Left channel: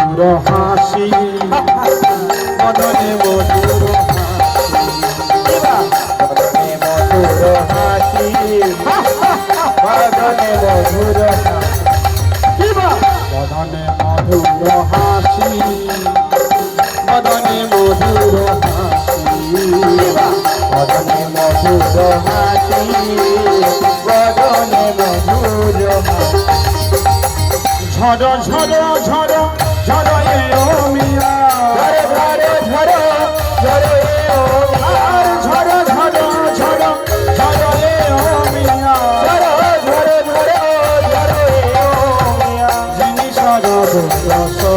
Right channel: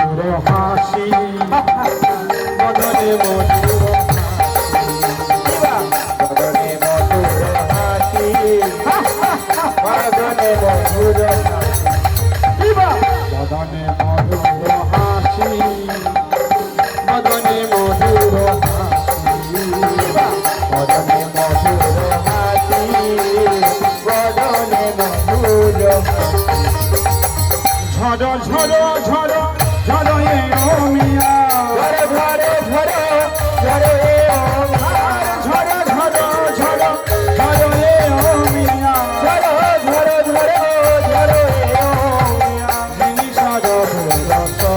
মধুর হাসি। মদনে মধুর হাসি। মধুর হাসি মদনে মধুর মদনে মধুর হাসি। মদনে মধুর হাসি মদনে মধুর হাসি মদনে মধুর হাসি। ঝড় ঝড় ঝড়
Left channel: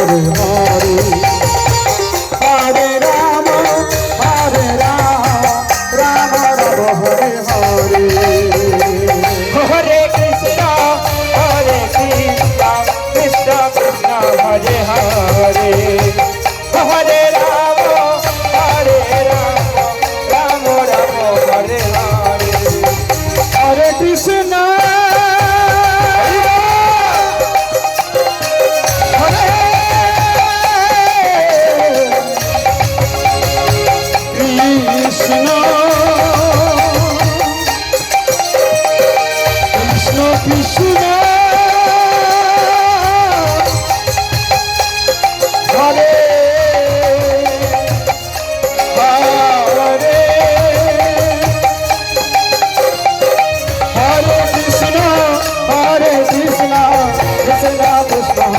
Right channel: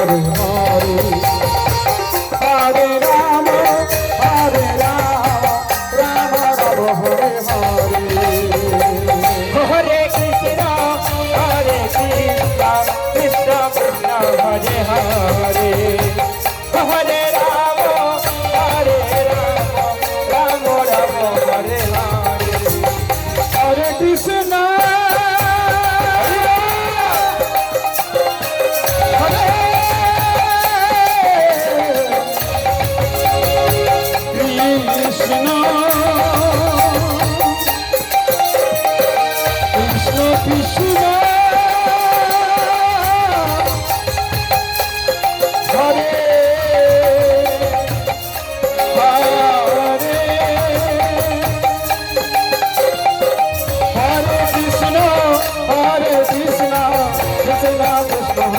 হরে হরে হরে Hare Krishna